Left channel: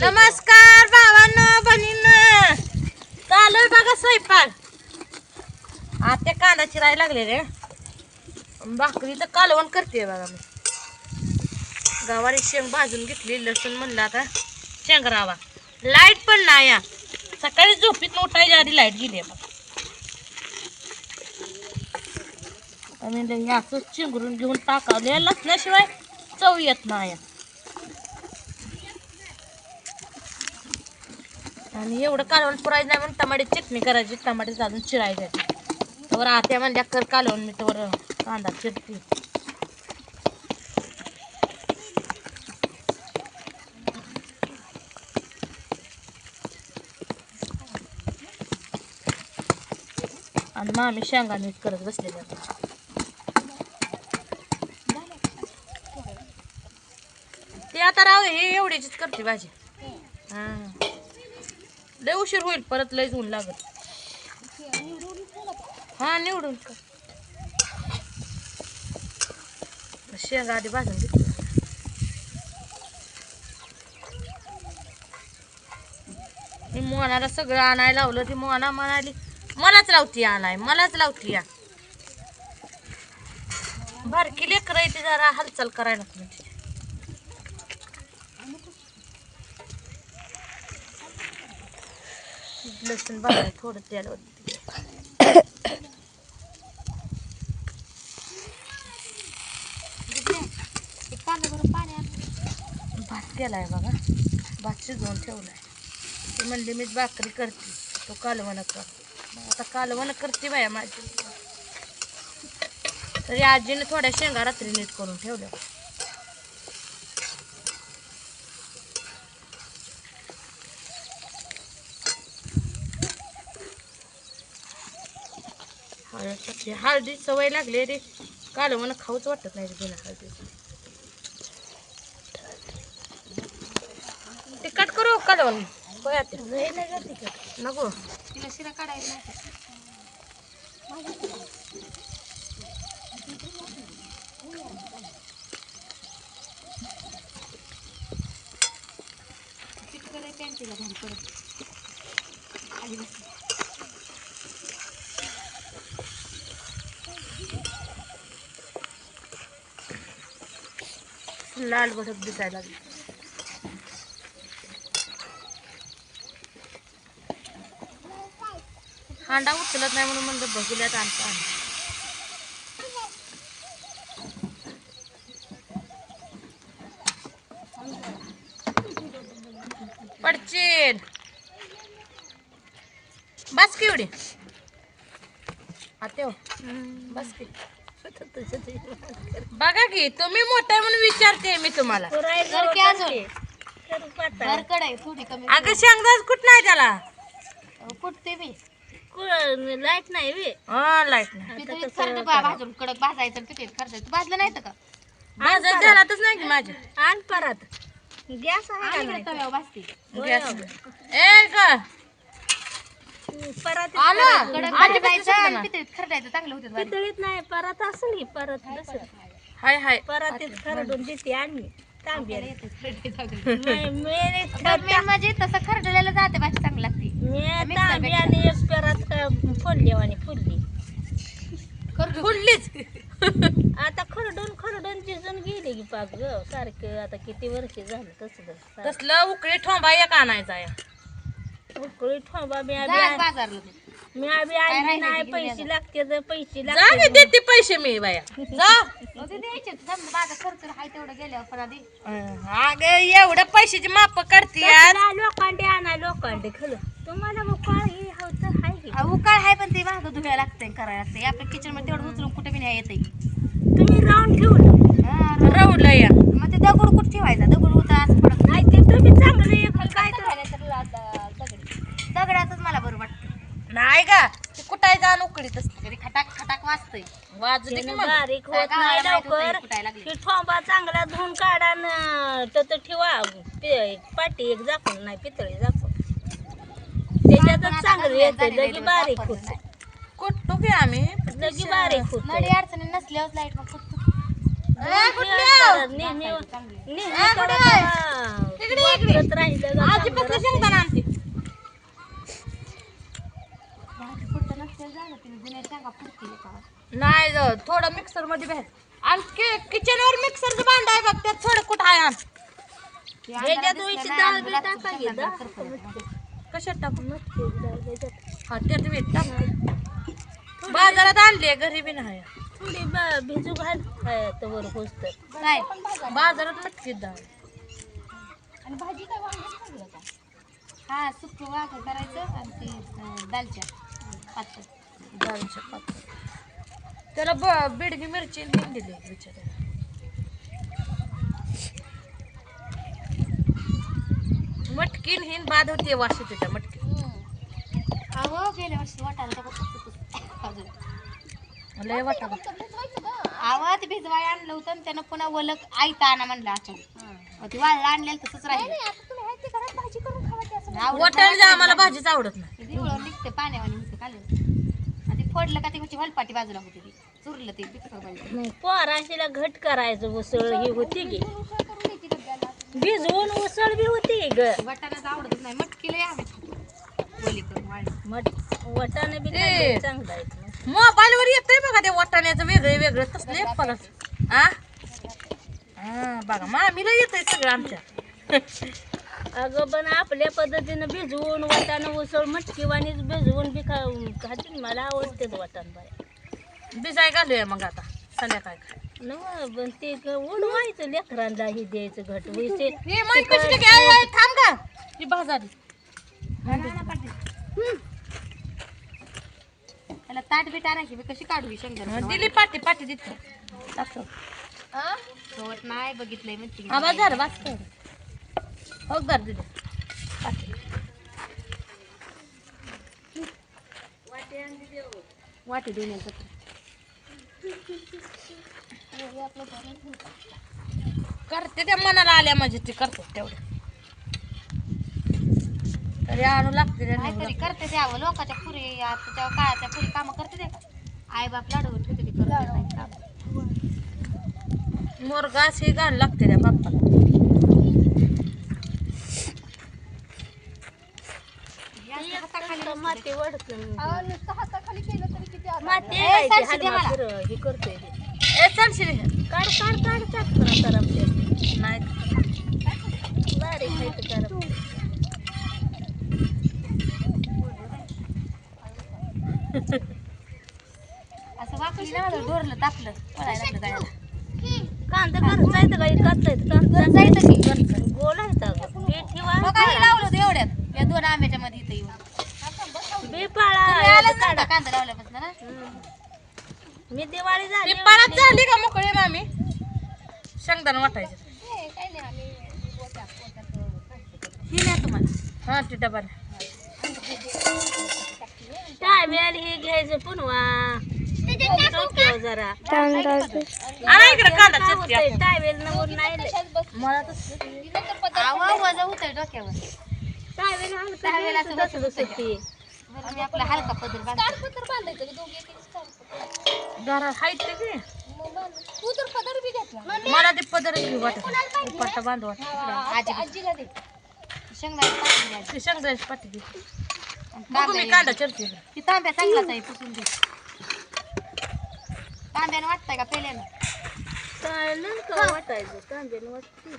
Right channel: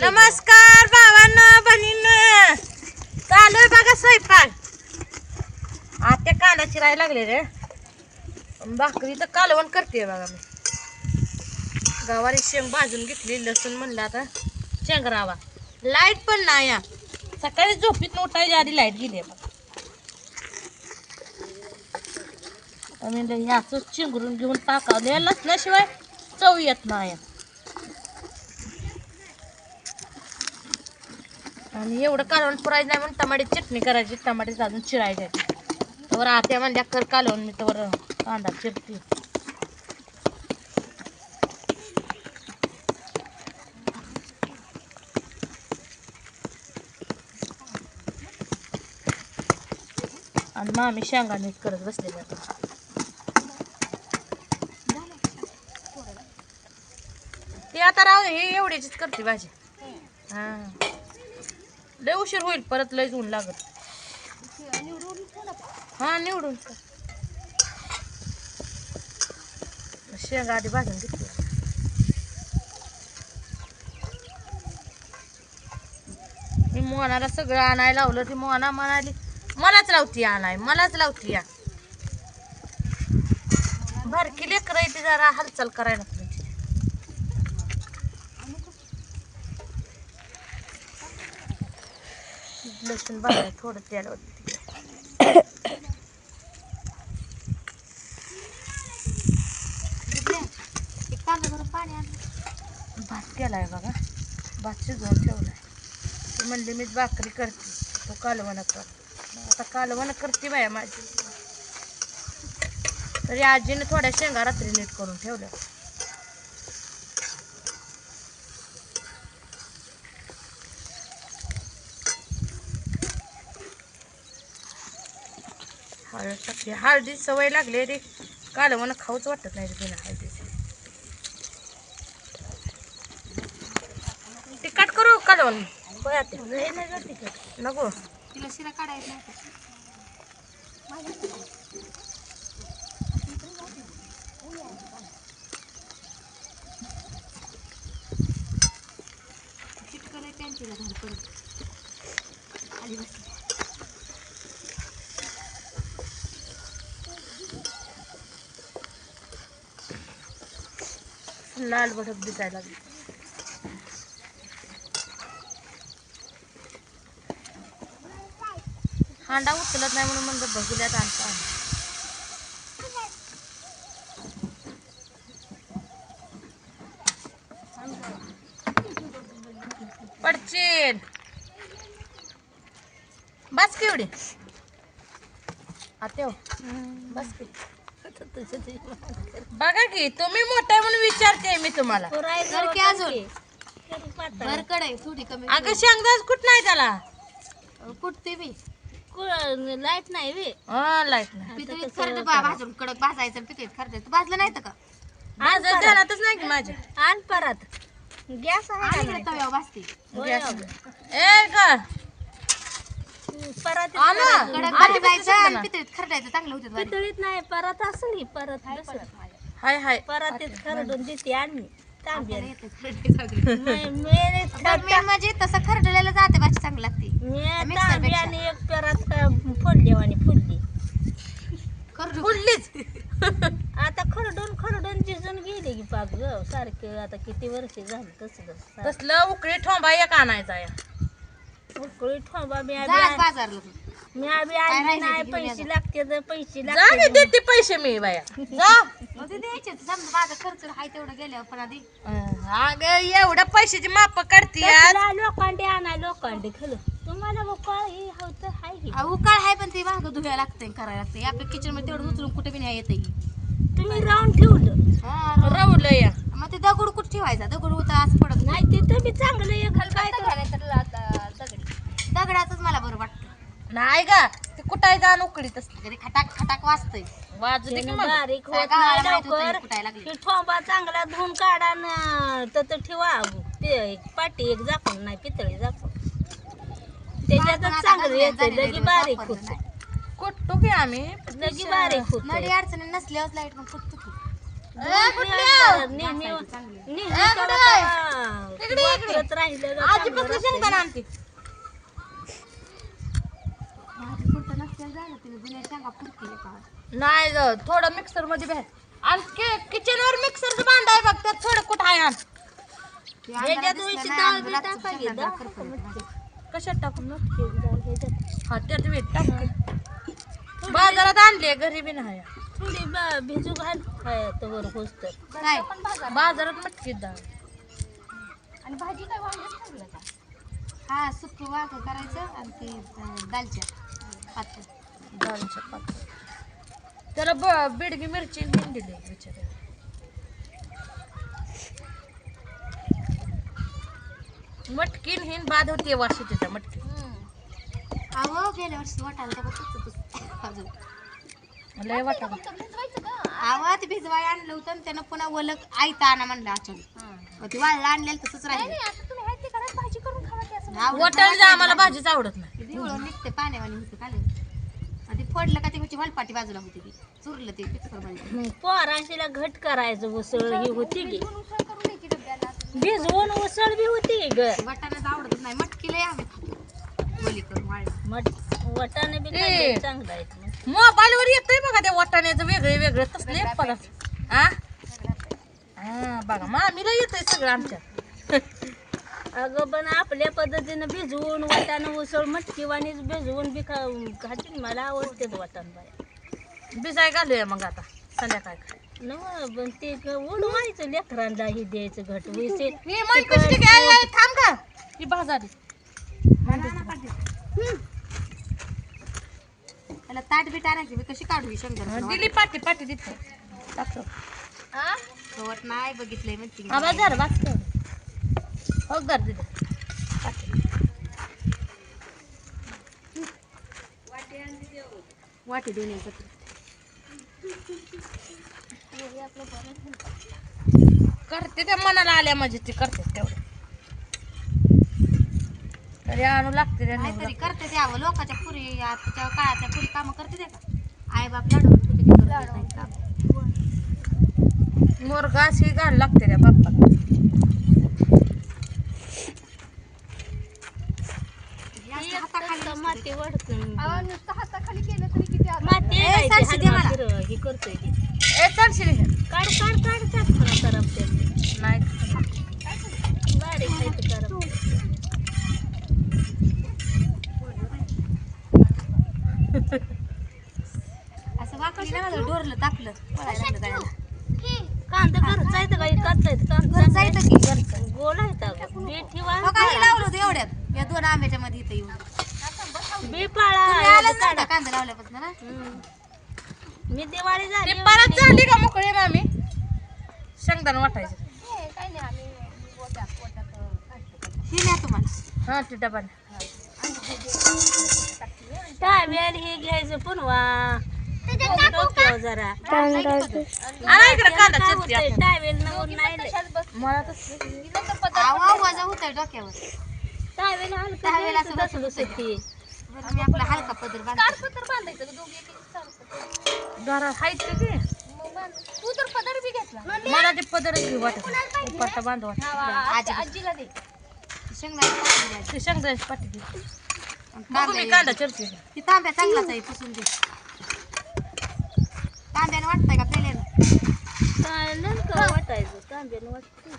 नमस्कार भावांनो बहिणींनो, चालू आहे बघा स्वयंपाक. आता कांदा चिरायला लागले रे. भाकरीचं कालवण करते बघा मी. गवारी शेंग भाजून घेतली, लसूण म्हणलं आता शेंगरावा. लाईट पण नाही या. सकाळी झोपीत उठायच्या आधी लाईट गेली बघा. मी असं चिंगरून घेऊन टाकावले, लसण्याशिवाय चव येत नाही. आणि एवढं कालवण पुरायचं नाही म्हणून टमाट्याची चटणी करायची. टमाटे अजून चिरायचे. तर आत्या म्हणल्या कर कालवण, मी तर कांदा चिरते. आणि मामी शेंगा नीट करत बसलेली आता. ते आता राहू दे, हे एवढीच करते भाजी. हा लय उशीर होईल, परत लयच ऊन लागत. हा निवडून शेंगा आधी भाजून घेतली. मी मोनाला सगळं आणायला लावलं. ती मोना म्हणाली मलाच लावती आणाय, मलाच लावती या. बारकी लेकर आहे ती, जरा हालचाल करायला नको. लसूण भाजाय थोडं तेल होती. भात केलाय बघा, भात शिजवून ठेवलाय. ती म्हणली मीच भाकरी करते, तो कालवण कर. आता कालवण करते बाया माझी. तरी आजीने थोड्या शेंगा रात्री नीट करून ठेवल्या. हळद, हळदी सवय लागली रे. कालवण खाऊच वाटत नाही बिना हळदीची. तिखट करू कालवण नको. लाल भडक दिसायला लागली. हांडा उचलत नाही म्हणून म्हणलं बघूल्यात आणता. पडचील बस की एवढी आत्या बस की. बघा की तुम्ही मोठा म्हणून विचारते मी तुम्हाला. अगं शेंगदाच कुठ नाही त्याला. कुठते बी लाईट नाही बी. हा लाईट नाही. भाजून कडक भाजायचं पिठीत खर्चायचं. भाजलं नाही का? माझं ध्यानातच नाही की माझ्या. आण परत गॅस आहे तव्यावर भाजते. ए ग परत आजी पितळीत खरडायचं चांगलं होतं. पितळीत नाही परत असली परत हाय हाय परत खरडून देते आणि म्हणजे तसं खरडलेलं जाते भाजी चांगली लागते. मी आणि एक परत फोडली आणि फुडली फुडलीच. आता खरडून जिजून गेली की पाच ग सारखे. आता किती वर्ष झालं तसं तसलं उकळी ठोंबा एक आणायचा या. उकळी ठोंबा मी आधी आणली नाही. पैसे लागते तर पैसे जा की देते पैसे मी बाया. जा द्यायचे माझा खर्च आहे तेवढं गेल्यावर पण आधी अगं एवढं पैशाची माप काढते. लोकांडे आणा लोकांडे खरं तुम्हाला उकाळ ही हवं आहे की उकाळ आहे पण ते मागं धुवायला लागतंय करायला लागतंय. आपल्या किचन मध्ये तेवढं उचलून कुठे बी नाही येते. तुम्ही राऊंड ठेवलं राहुल या मग ते दगड कुठं ठेवायचा. दगड होता असं पडत नाही. ते तुम्ही चांगलं काय तर दगडातच मला बरं वाटतं. नाही का ते कुठाय जाण उकडीत तरी खटाक खटाक वाजतंय. वाजू दे की मला. बारीक होत नाही लवकर. ठोंबा चांगला धुवून काढा तर ठेवा. पाटी एक झाकून नाही पितळी झाकून त्याच्यातच चांगलं येते. लगी बारीक होत कुठतो की आम्ही लगी बारीक होत. नडी अडचणी नसल्यावर लाईट मग इकडे इकडे वापरत राहिलं का आजी चांगलं पसली शेंगदाणा आणते नाही थोडं मिक्सर मध्ये बाहेर आणि किचन वर मिक्सरचं भांड आहे बघ त्यात थोडं कुठं आहे आण ह्याच्यात दिवशी डाळ बी टाका घे, डाळ टाका मटकी. कशात टाकून मटकी डाळ ह्याच्यात. हा त्यात वीट टाक बाजारात आणले घरी बी नाही थोडी भिजू घाल खायचं वर होस्तर. नाही बाजारात मटकी डाळ हा सुकी वांग करायचं आणि ते दालच्या डाळीच्या पातळ त्याला बिडगी मिरची घेऊन दिली बिचाऱ्याला मटकीन हिन बाद होते वाशी त्याच्या मटकी अहो गेल्या वर्षी वाटायला लय वाटा अहो ते भिजवाय आणलं होतं आणि त्यानं पुन्हा ओलक आयता आणा म्हणलं अचानक ते वाळलं आणलेलं तसंच राहिलं वाटायला आम्हाला भाजीच आवडत नाही दिवळं निघते पाण्यावानी होतं काल आणि ते फोडलं का त्याची वलपाटी बाजूला होती ती चुरलं ते पिक्चर बाजूला पोराशीला घट करायचं उसळ ही होती गी भिजवून उसळ बी होती ग वाटाण्याचं आवडत नाही मटकीला आम्ही खातो ओली करून वाळलं वटाणे बी ए. खाल्ले चांगलं आहेत मोबाईल वर येतंय बघा त्या वाटाण्याचं वेगळे वेगळं तसले परत हा बघा मामीला येतंय सगळं आमच्या अगं पण आपल्या पद्धतीनं भिजवून वाटाणं उसळ मटकीवानीच भिजवून बी खातील मला आवडते वाटाणा भिजाय घालूया मग आता संध्याकाळी खाय न पण ते उडवायचं लेकरांना हे द्यायचं घट वैसे हे मग कशी काय थांब का ही भाजाली त्याला ताट बीट आणायची मी कशी काढू ही शेंगदाणा दिली पाटी पाटी दिली दाखव गवत नाही बघितलंय म्हणते आवाज झाला वाच हो घर दिली पाटी वाटी देऊन यायचं करते त्या मनाला आल्या म्हणजे ते करते तेवढं तरी आणू लागते त्या नेऊ तरी लागते. करते ते आवं लोकांच्या पुरी आताच्या काळातल्या पुरी कामं करते ते का आई बाप लाडवून ठेवते ते करत नाही काम. मोरगास ही घाल लागते त्या बाप्पाला हे असं हाताखाली माती वडकून माती ए, आहे सारशी दे मला. हे करतोय ते. ए चालशील हे. काढ काढ काढतात करपते नाही बारीक खायचं करप असं वाकली ना ढोरलं तापलं पळायला लागलं जायला. कांदा घरचा येतं का कांदा घरचं येतं की? कांदा बोलायचं बी ठेवा मग काही लावलं होतं एवढ्यात या 2 आंब्याच्या मध्ये इथं येऊन बी तुम्ही पाळा आलाच नाही का कांदा लावल्यापासून ना मी दिवाळी ते झाली परत झाली का मोकळे मामी शेंगदाणा वाटायचं ही नाही तुम्हाला हा ते डबाने टायमेल हे घ्यायचं पुनवा डोक्यावर जरा आणा इकडे कांदा चिरते आता. टायमेल नवर नाही मला तसं आवा वजा होतं डोक्यावर टायमेल असं बसू बसती बरं मी आपला हलका पदर बांधतो घरात हाईट ते की मला ते पदरच घेऊ वाटत नाही. उपाटा बांधू वाटत आजीला दे शेंगदाणे पाठी द्यायची. ते शेंगदाण्याची पाठी दे बघू मी कांदा चिरते ती तांब्या चांगलाच आहे पुसून दे तांब्यानं वाटतंय का पहिल्यानं नेमकं वाटायचं तांब्यानं वाटते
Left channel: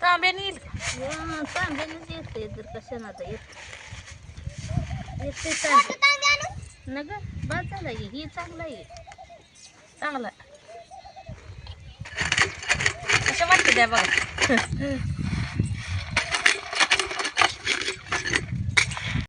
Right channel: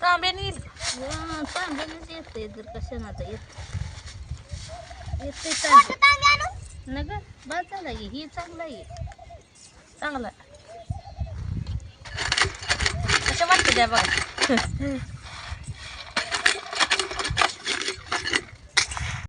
तांब्याने येईल का तांब्यानंच येते जर कशानं आता येते तांब्या न ग बस झाला की ही चांगला आहे चांगला कशा वाटते त्या बघा